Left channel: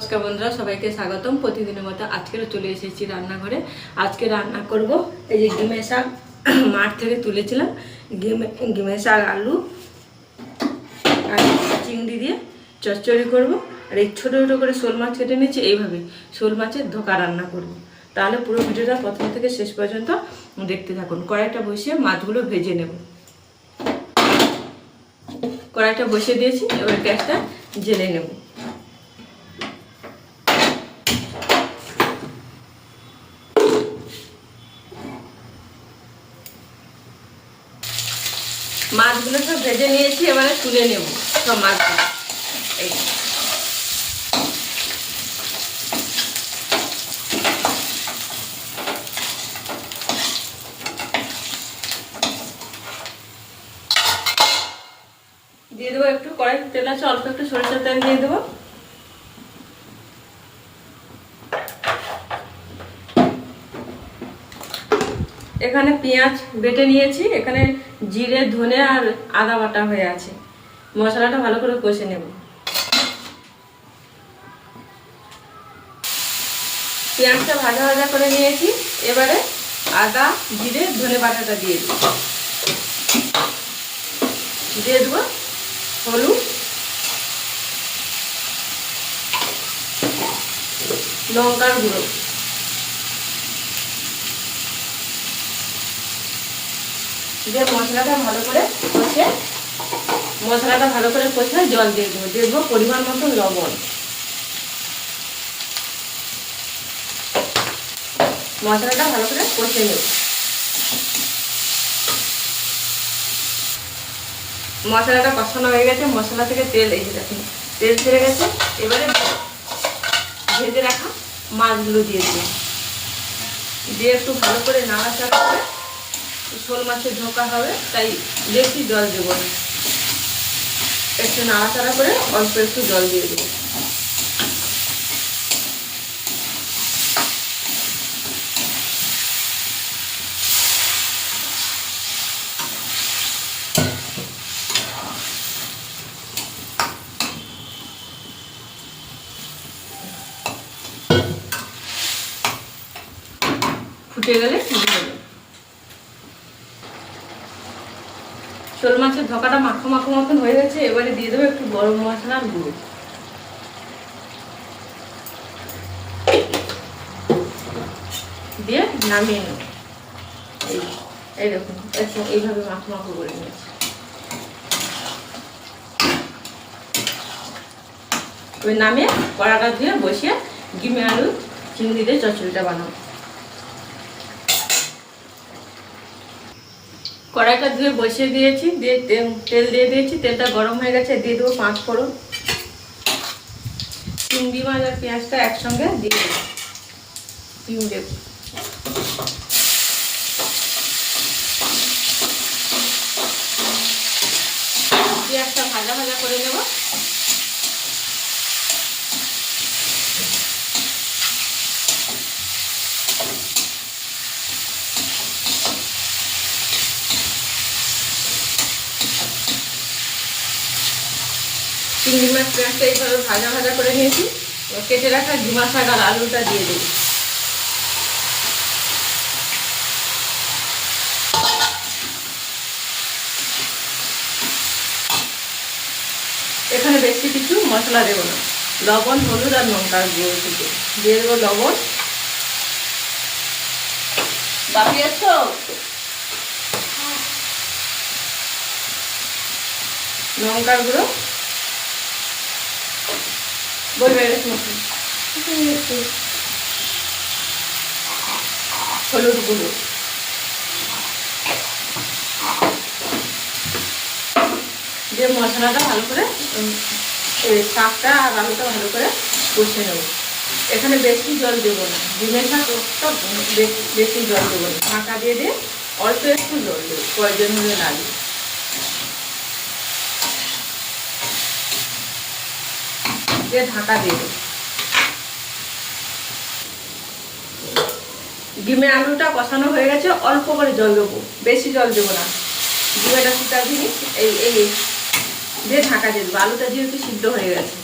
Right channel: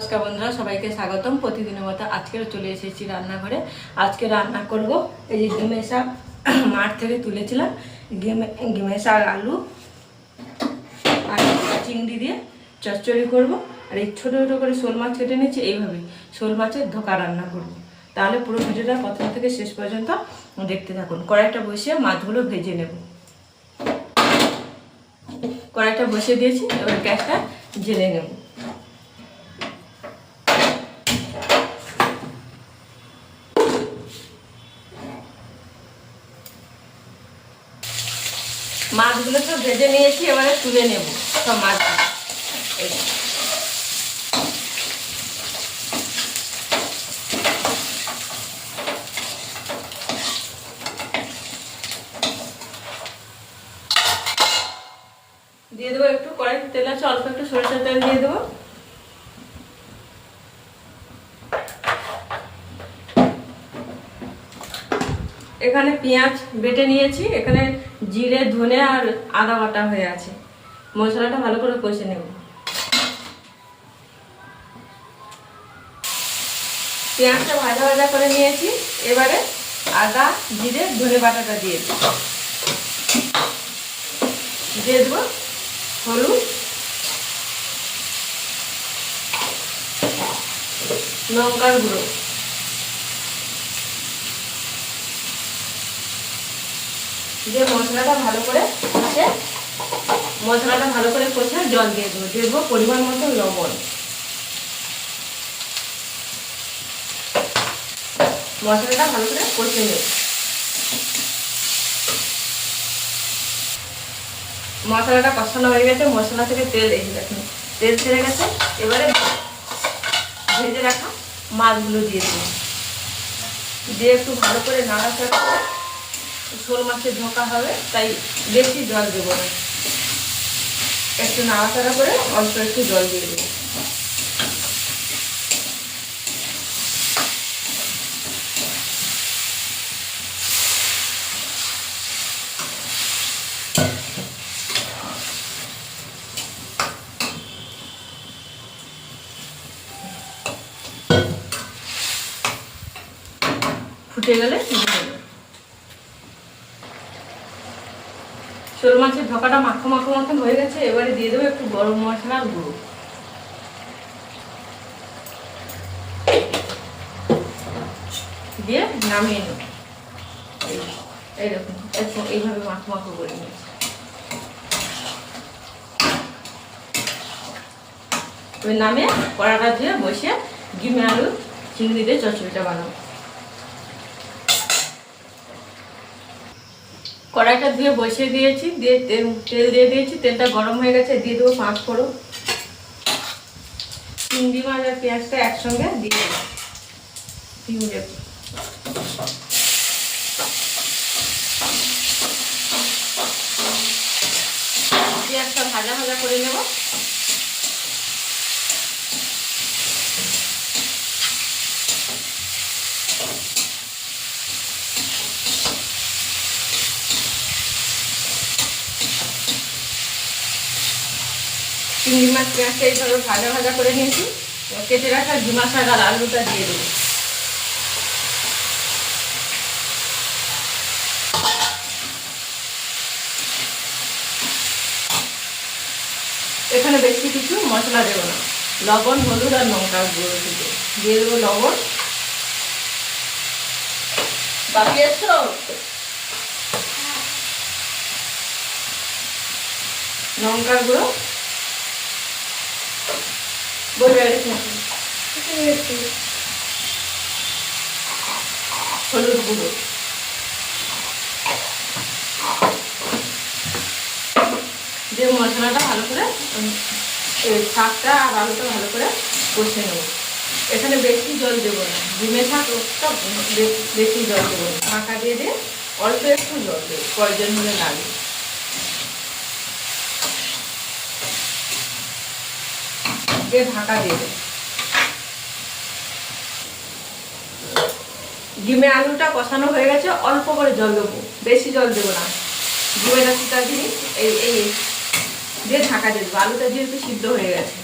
নমস্কার বন্ধুরা, সবাইকে স্বাগতম। প্রতিদিনের মতো আজকেও চলে এসেছি রান্নাঘরে। আজকে রান্না করব এই যে গিমে শাক মাঠ থেকে তুলেছিলাম। গিমে শাক আলু আর চিংড়ি দিয়ে চচ্চড়ি করব। আর এই ছোটো ছোটো করে শোল মাছ কেটে নিচ্ছি এইভাবে শোল মাছের ধোকা রান্না করব। তাহলে পুরো ভিডিওটা প্রথম থেকে শেষ পর্যন্ত দেখতে থাকুন। কড়াইটা বসিয়ে মাছগুলো ভেজে নেব। কড়াইটা বসিয়ে দিয়েছি, এবার গ্যাসটা জেলে নেব। মাছগুলো সব ভেজে নিয়েছি, এবারে তুলে নেব সব এই দিয়ে দেবো একটু কড়াই তেল আছে, অল্প একটু সরিষার তেল দিয়ে দেবো। এখানে পেঁয়াজ বেটে নিয়েছি, এখানে জিরে, ধনে আর আদা বাটা হয়ে আছে। মশলাটা ভালো করে কষে নেব। পেঁয়াজটা ভাজা ভাজা করে নিয়েছি, এবারে আদা, জিরে, ধনে বাটাটা দিয়ে দিই দিয়ে দেবো হলুদ, লঙ্কার গুঁড়ো। দিয়ে মশলাটা ভালো করে কষে, মশলাটা ভালো করে কষে জল দিয়ে দেবো। দিয়ে দেবো পরিমাণ মতো লবণ। মশলাটা ভালো করে কষে নেব। মশলাটা কষানো হয়ে গেছে, মশলা থেকে তেল এসে দেখুন, তেল ছেড়ে গেছে। এবারে ভেজে রাখা মাছগুলো দিয়ে দেবো। দিয়ে একটু ভালো করে নাড়াচাড়া করে শোল মাছের ঝোঁকা হবে, তাই বেশি জল দেবো না। একটু নাড়াচাড়া করে অল্প একটু জল দিয়ে দেবো। ফুটে গেলে দিয়ে দেবো। শোল মাছের ঢোকাটা মাখো মাখো মতন হয়ে গেছে, এবারে দিয়ে দেবো একটু গরম মশলার গুঁড়ো। দিয়ে নামিয়ে নেব। এই এই দেখুন, একদম এইভাবে মাখো মাখো করে নিয়েছি। ওই নামে কড়াটা ধুয়ে বসে ডিমে আলু, চিংড়ি দিয়ে চচ্চড়িটা বানাবো। কড়াইটা ধুয়ে বসিয়ে দিয়েছি, দিয়ে তেল দিয়ে দিয়েছি, তেলটা গরম হয়ে গেছে, দিয়ে দেবো পাঁচ ফোড়ন। চিংড়ি মাছ আর পেঁয়াজটা একসঙ্গে দিয়ে দেবো। চিংড়ি পেঁয়াজটা ভাজা ভাজা করে নেব। চিংড়ি মাছ পেঁয়াজটা এইভাবে ভাজা ভাজা করে নিয়েছি। কেটে রাখা ঝিমা শাক আর আলুটা দিয়ে দেবো। এখানে বেশি কিছু মশলা দেবো না। লবণ হলুদ আর লঙ্কার গুঁড়ো দিতে। দিয়ে দেবো লবণ। বাকি এসছো লঙ্কার গুঁড়ো। হলুদ গুঁড়ো দিয়ে মশলাটা ভালো করে শাকটা আর আলুটা ভালো করে কষে নেব এখানে বেশি জল দেবো না ডিমের শাকটা বেশি বেশি জল দেবো না ঢাকা দিয়ে দিয়ে অল্প একটু জল দেবো প্রয়োজন হলে লাগে দিয়ে ঢাকা দিয়ে দেবো। ডিমে আলুটা কষানো হয়ে গেছে, অল্প করে জল দেবো, বেশি জল দেবো না। ডিমের আলুটা দিয়ে এই এই, দিয়ে ঢাকা দিয়ে দেবো। আলুটা যেহেতু সিদ্ধ হয়ে গেছে।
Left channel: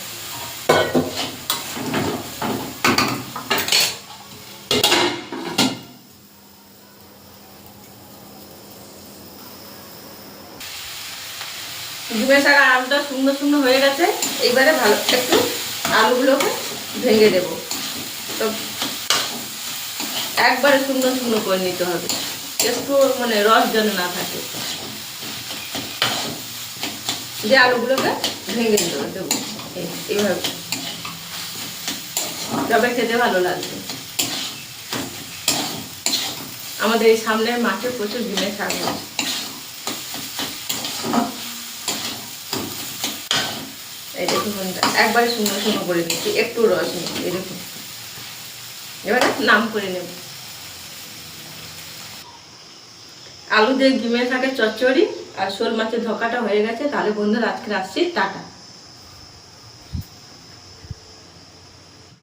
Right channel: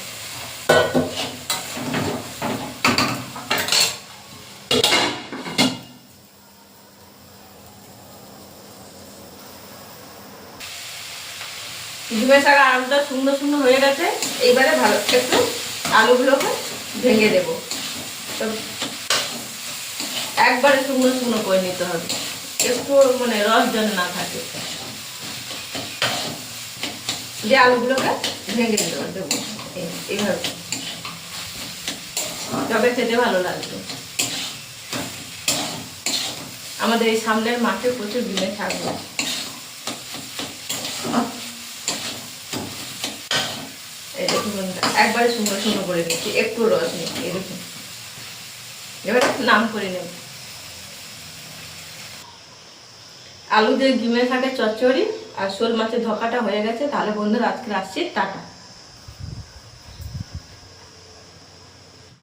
ডিমের শাক আর আলুটা শূন্য শূন্য হয়ে গেছে, এইবারে ভালো একটু আলুগুলোকে ভেঙে দেব। তো একবারে শূন্য শূন্য করে নিতে হবে, একটু মানে রস যেন না থাকে। দিয়ে আলুগুলোকে ভেঙে দেবো দেবো। এই- এইভাবে। তবে খেতে ভালো লাগবে। আমাদের এই সামনের মাঠে প্রচুর ডিমের শাক এই দেখুন একবারে সুন্দর সুন্দর করে নিচ্ছি, একটু রস নেই এই দেখুন। এবারে নাম করে নেব। আলু দিয়ে ডিমের থাকে চচ্চড়ি আর শোল মাছের ধকাটা হয়ে গেছে, তাহলে বন্ধুরা আজকে আসছি, টাটা।